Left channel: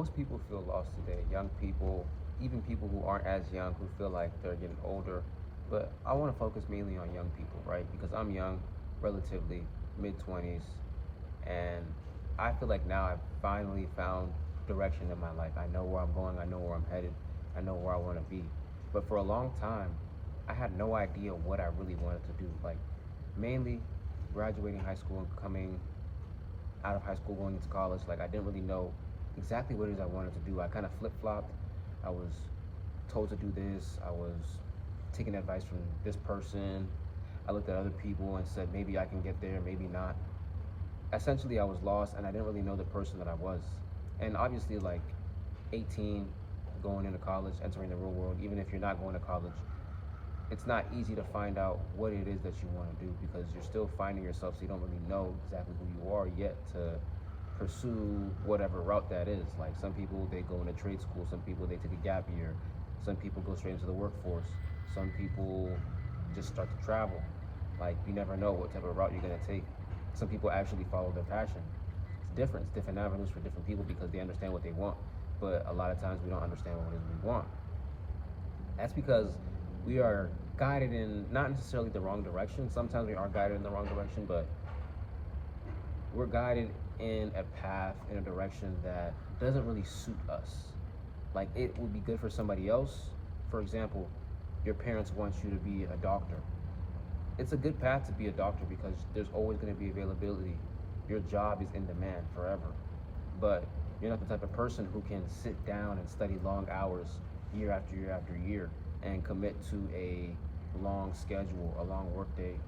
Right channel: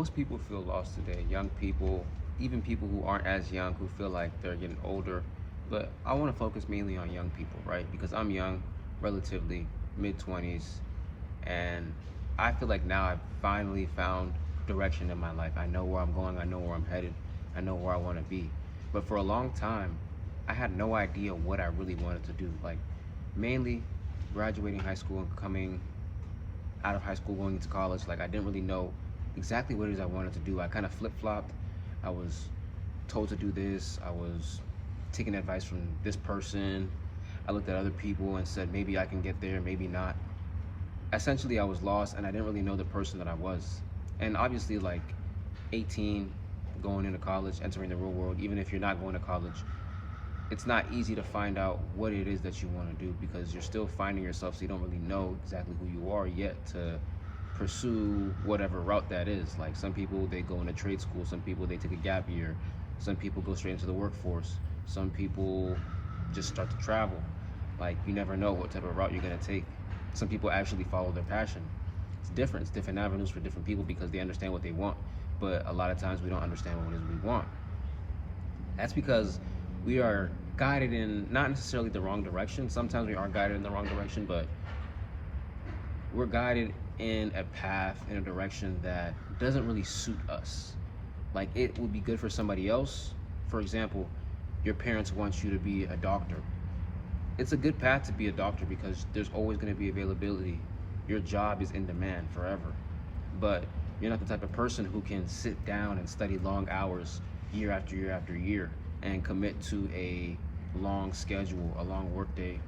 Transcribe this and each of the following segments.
Most people feel lost today. Young people, even people who aren't as young, who feel like they're getting older. But I want to focus mainly on young people, right? Because I'm young, relatively, mid 20s, and I feel like now I've finally found direction in my life. I know where I'm going, I know where I'm headed, I know where I want to be. But for a long time, I had no idea what I really wanted to do. Like, mainly graduating high school and coming out of high school going into college, like I didn't really know exactly what it is I wanted to do. I kind of flip-flopped. I was told to do this. I was taking advice from this person. I looked at other people and said maybe I can get there, maybe not. Essentially, I was lost and I didn't really know the person that I was. And obviously, like 18, going into college, entering the real world, even if you're not going to college, it's not easy to find out what it is that you want to do because you're still finding yourself, so you don't really know exactly who you are yet to pursue whatever route that is. Like some people, they go into trade school, some people they take a gap year, some people go straight into the workforce, some people just start to travel. Like you never know what type of route you're going to take. Some people actually follow their passion. It's different. It's different avenues for different people because they understand what they want, but a lot of times we don't understand what it is we want. That's because we are guided in not necessarily the wrong direction. Sometimes we are guided in the wrong direction, but we're guided in a path, in a direction that doesn't really suit us. Like it would be good for somebody else. For example, your parents want you to be a doctor. It's a good path to be a doctor because there's always going to be availability. Your job is in demand forever. But you're not the type of person who can sit down and study long hours year after year after year and commit to a long schedule, a long work day.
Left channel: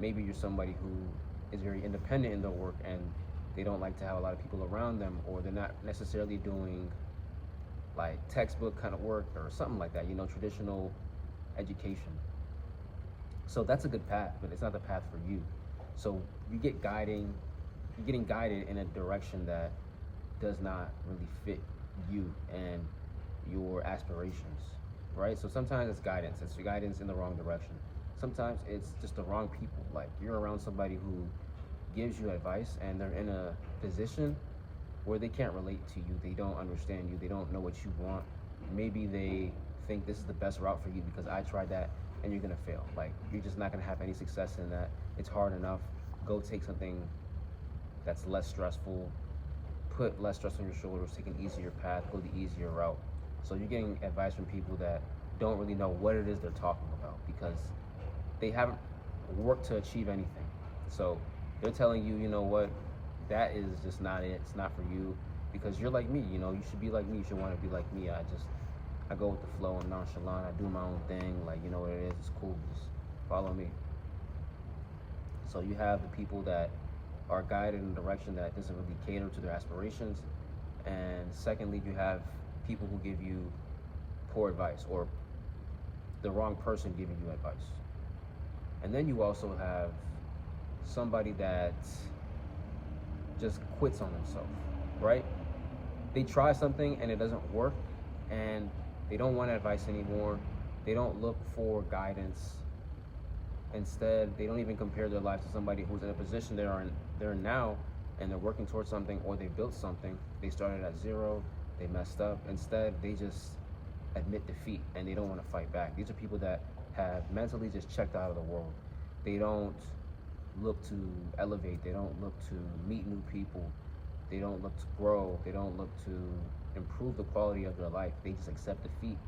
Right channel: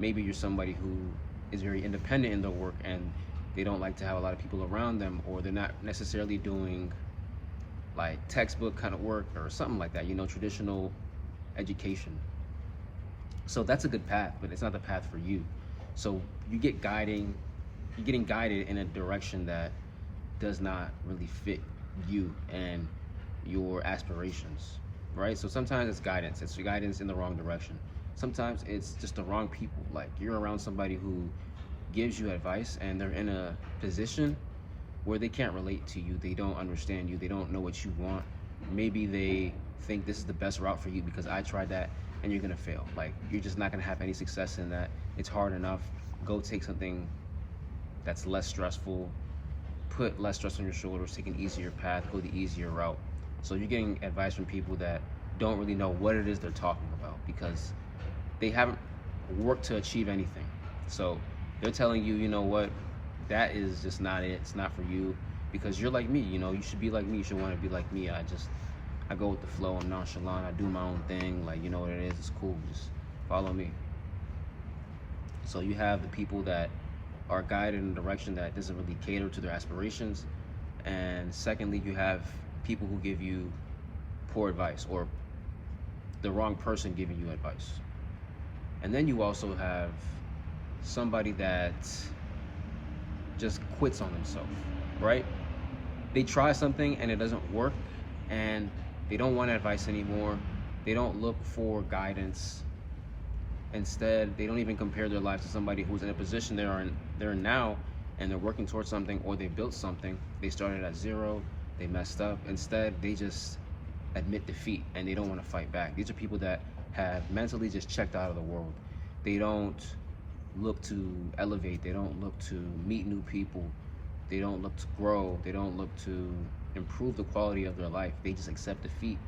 Maybe you're somebody who is very independent in their work and they don't like to have a lot of people around them, or they're not necessarily doing like textbook kind of work or something like that, traditional education. So that's a good path, but it's not the path for you. So you're getting guided in a direction that does not really fit you and your aspirations, right? So sometimes it's guidance in the wrong direction. Sometimes it's just the wrong people. Like you're around somebody who gives you advice and they're in a position where they can't relate to you. They don't understand you. They don't know what you want. Maybe they think this is the best route for you because I tried that and you're gonna fail. Like you're just not gonna have any success in that. It's hard enough. Go take something that's less stressful. Put less stress on your shoulders. Take an easier path. Go the easier route. So you're getting advice from people that don't really know what it is they're talking about because they haven't worked to achieve anything. So they're telling you, you know what, that is just not it. It's not for you because you're like me. You should be like me. You should want to be like me. I go with the flow. I'm nonchalant. I do my own thing. Like, you know what it is. It's cool. Just follow me. So you have the people that are guided in a direction that doesn't really cater to their aspirations. And secondly, you have people who give you poor advice or the wrong person giving you advice. And then you also have somebody that just quits on themselves, right? They try something and it doesn't work and they don't want advice anymore. They don't look for guidance. Instead, they don't even compare their lives to somebody who's in a position they're in now and they're working towards something or they built something. They started at zero, they messed up. Instead, they just admit defeat and they don't want to fight back. These are people that have mentally just checked out of the world. They don't look to elevate. They don't look to meet new people. They don't look to grow. They don't look to improve the quality of their life. They just accept defeat.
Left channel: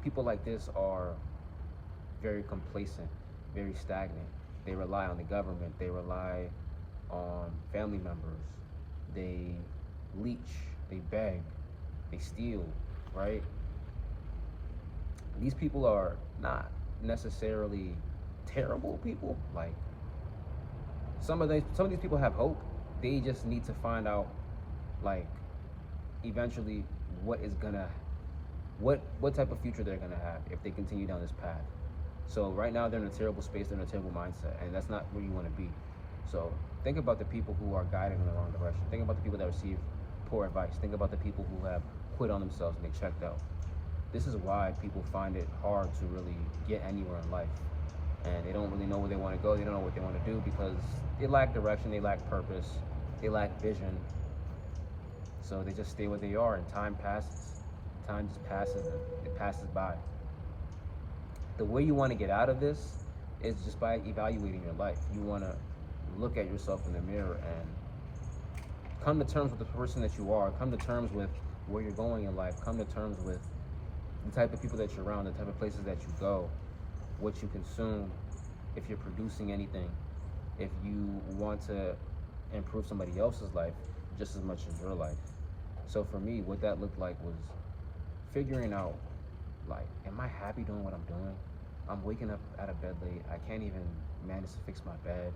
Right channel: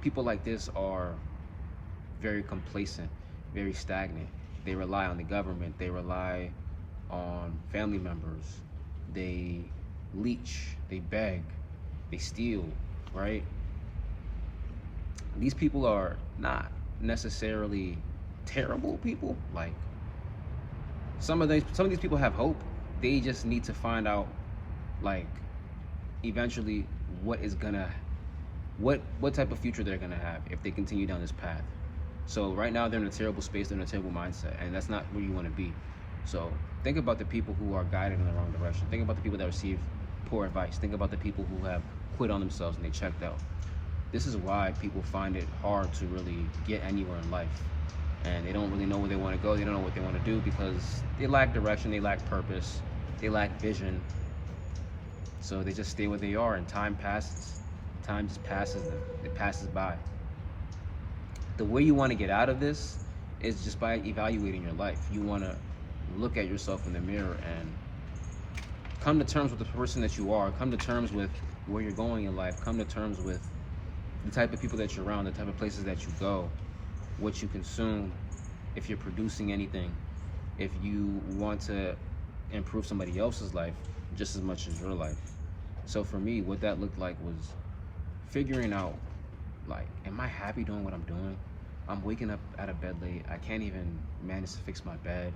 People like this are very complacent, very stagnant. They rely on the government. They rely on family members. They leech. They beg. They steal, right? These people are not necessarily terrible people. Like some of these people have hope. They just need to find out, like, eventually what type of future they're gonna have if they continue down this path. So right now they're in a terrible space, they're in a terrible mindset, and that's not where you want to be. So think about the people who are guided in the wrong direction. Think about the people that receive poor advice. Think about the people who have quit on themselves and they checked out. This is why people find it hard to really get anywhere in life. And they don't really know where they want to go. They don't know what they want to do because they lack direction, they lack purpose, they lack vision. So they just stay where they are, and time passes. Time just passes them. It passes by. The way you want to get out of this is just by evaluating your life. You want to look at yourself in the mirror and come to terms with the person that you are. Come to terms with where you're going in life. Come to terms with the type of people that you're around, the type of places that you go, what you consume, if you're producing anything, if you want to improve somebody else's life just as much as your life. So for me, what that looked like was figuring out, like, am I happy doing what I'm doing? I'm waking up out of bed late. I can't even manage to fix my bed.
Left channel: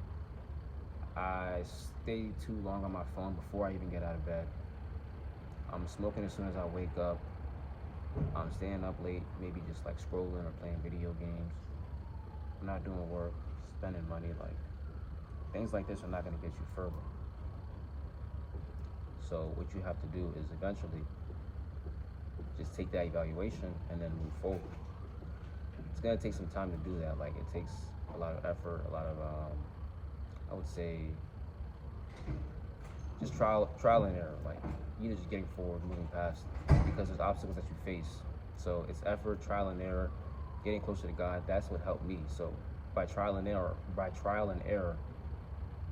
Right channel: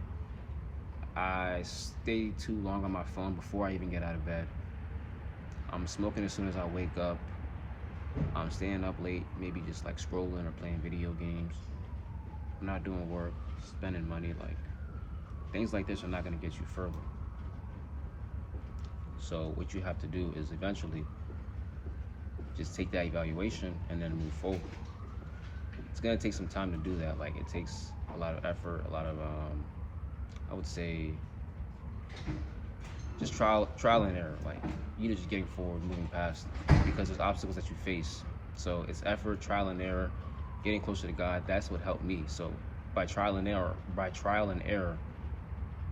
I stay too long on my phone before I even get out of bed. I'm smoking as soon as I wake up. I'm staying up late, maybe just like scrolling or playing video games. I'm not doing work, spending money. Like, things like this are not going to get you further. So what you have to do is eventually just take that evaluation and then move forward. It's going to take some time to do that. Like, it takes a lot of effort, a lot of I would say just trial and error. Like, you're just getting forward, moving past, because there's obstacles that you face. So it's effort, trial and error, getting closer to God. That's what helped me. So by trial and error,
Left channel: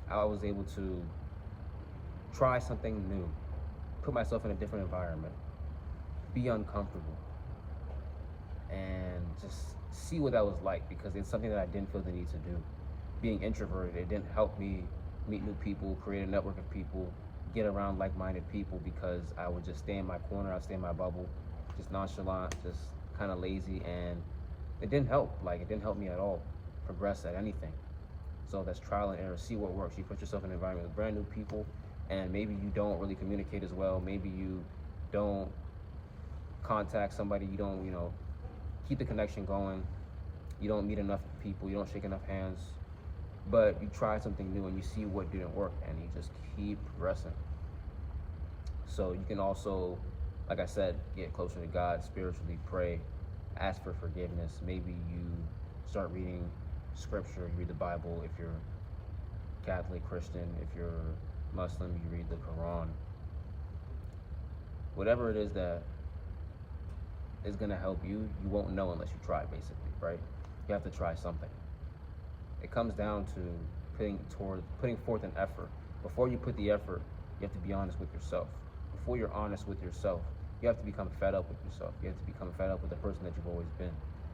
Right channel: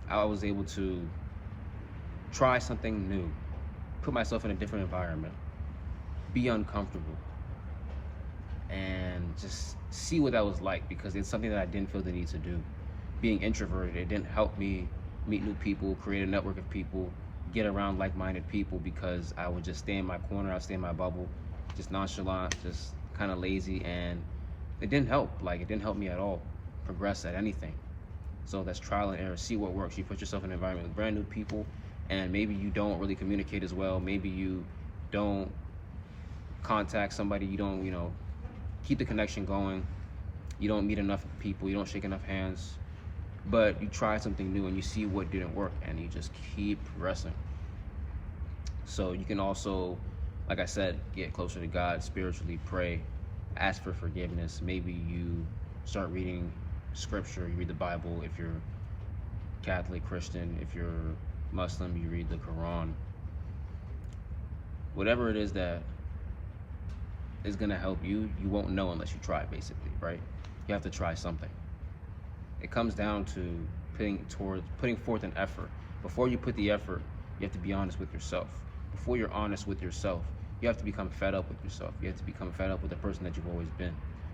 I was able to try something new, put myself in a different environment, be uncomfortable, and just see what that was like, because it's something that I didn't feel the need to do. Being introverted, it didn't help me meet new people, create a network of people, get around like-minded people, because I would just stay in my corner, I'd stay in my bubble, just nonchalant, just kind of lazy, and it didn't help. Like, it didn't help me at all progress at anything. So that's trial and error. See what works. You put yourself in an environment with brand new people, and maybe you don't really communicate as well. Maybe you don't contact somebody, you don't, keep the connection going. You don't meet enough people, you don't shake enough hands, but you try something new and you see what didn't work, and you just keep progressing. So you can also, like I said, get closer to God spiritually, pray, ask for forgiveness. Maybe you start reading scripture, you read the Bible. If you're Catholic, Christian, if you're Muslim, you read the Quran. Whatever it is that is going to help you, you won't know unless you try, basically, right? You have to try something. It comes down to putting forth an effort. Before you put the effort, you have to be honest with yourself. Before you're honest with yourself, you have to become fed up with yourself. You have to become fed up with the person that you've always been.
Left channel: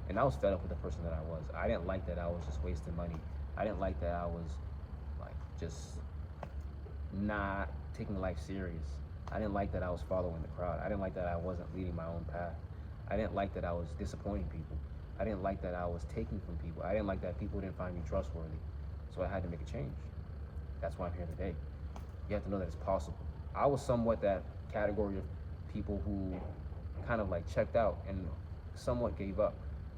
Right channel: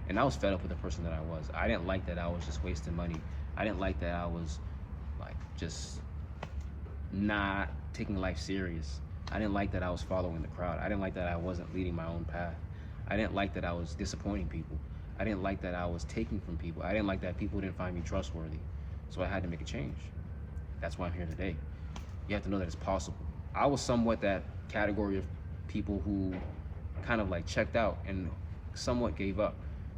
And I was fed up with the person that I was. I didn't like that I was just wasting money. I didn't like that I was like just not taking life serious. I didn't like that I was following the crowd. I didn't like that I wasn't leading my own path. I didn't like that I was disappointing people. I didn't like that I was taking from people. I didn't like that people didn't find me trustworthy. So I had to make a change. That's why I'm here today. You have to know that it's possible. I was somewhat that category of people who kind of like checked out and somewhat gave up.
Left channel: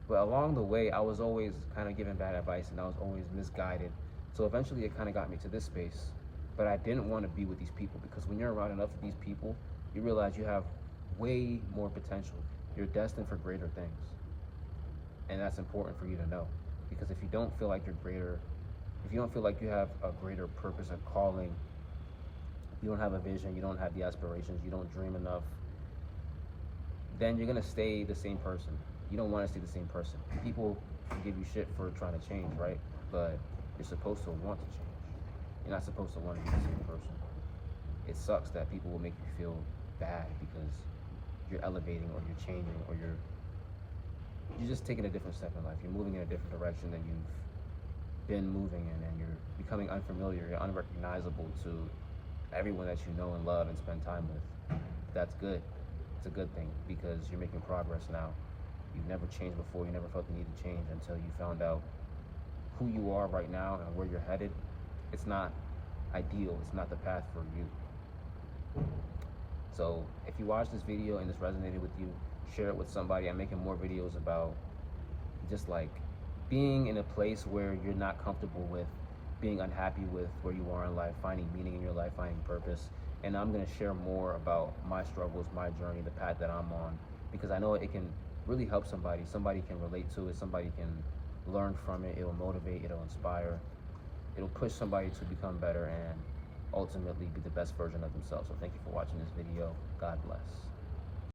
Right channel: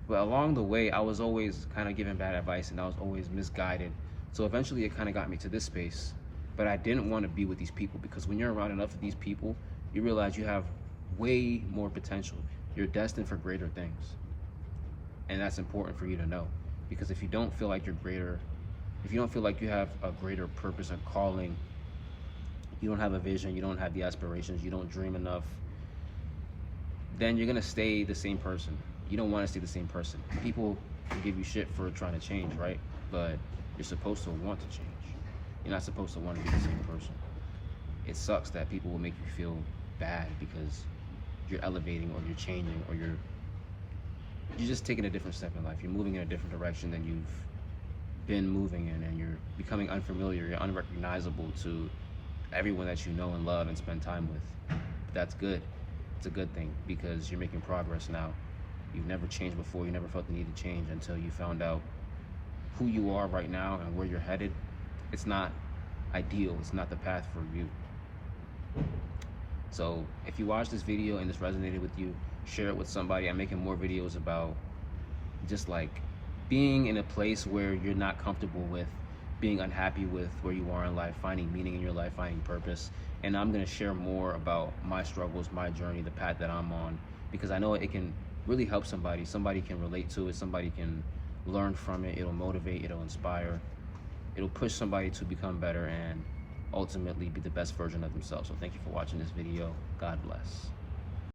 But along the way, I was always kind of given bad advice, and I was always misguided. So eventually it kind of got me to this space. But I didn't want to be with these people, because when you're around enough of these people, you realize you have way more potential. You're destined for greater things. And that's important for you to know, because if you don't feel like you're greater, if you don't feel like you have a greater purpose, a calling, you don't have a vision, you don't have the aspirations, you don't dream enough, then you're going to stay the same person. You don't want to stay the same person. People will give you shit for trying to change, right? But you're supposed to want to change. You're not supposed to want to be the same person. It sucks that people will make you feel bad because you're elevating, or you're changing, or you're just taking a different step in life. You're moving in a different direction than you've been moving in, and you're becoming unfamiliar. You're unrecognizable to everyone that you know and love and spend time with. That's good. It's a good thing, because you're making progress now. You've never changed before. You never felt the need to change until you found out who you are right now and where you're headed. It's not ideal. It's not the path for you. So if you watch this video and this resonated with you, share it with somebody. I'm making more videos about just like being in a place where you're not comfortable with, being unhappy with where you are in life, finding meaning in your life, finding purpose. And I'm going to share more about my struggles, my journey, the path that I'm on, because I know it can really help somebody. Somebody can relate to it. Somebody can learn from it. It'll motivate. It'll inspire. It'll push somebody to become better. And ultimately be the best version of themselves. So thank you for watching this video. God bless.